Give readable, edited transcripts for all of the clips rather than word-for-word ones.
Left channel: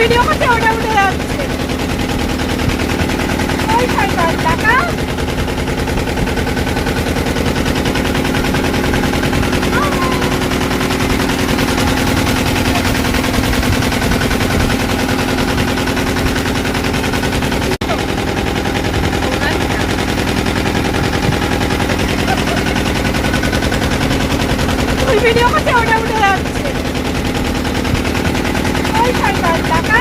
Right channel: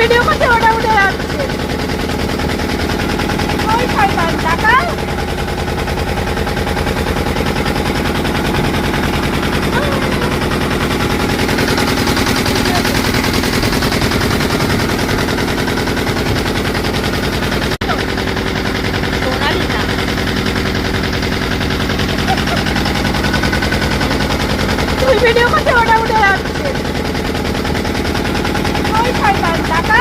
Video করছে ওটা উঠে যাচ্ছে। ওই শয়তান টাকা ভিডিও করছে ওটা উঠে যাচ্ছে। ওই শয়তান টাকা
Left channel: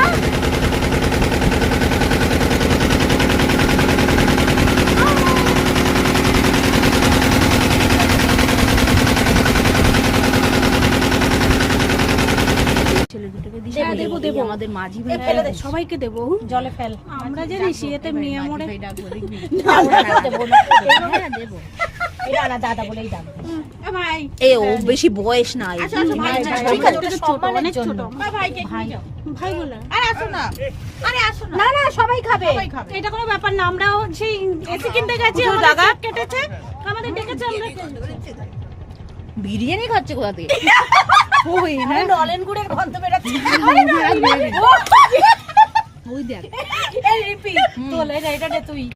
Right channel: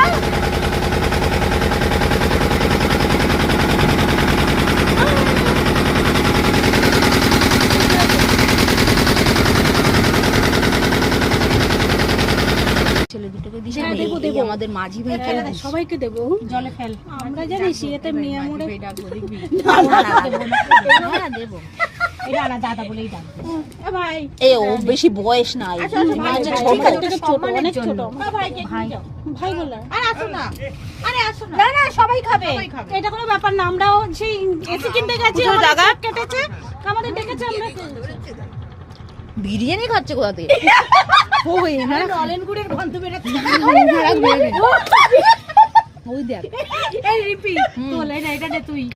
ছেলে দুটোকে দিস আমাদের মাঝি ভাই সবাইকে দেবো জলে ফেল আমরা জানিস এতে মেয়ে মরে হ্যাঁ দেবো দাদা বলেই দাদা ভাই এ ও বেশি বয়স নাই ছোট অনেক ছোট ভাই বলে না না সবাই খাবে এটা কোনো ব্যাপার না আমরাও সেই এসি কিনতে গেছি জায়গা কেটেছে আমাদের ডেকেছে আমরা বিরিয়ানি খাচ্ছে কোথা থেকে ওই না অলেন গুড়ের গন্ধ বেরাচ্ছে ওই দেখ এই রিপি তোল এটা তুই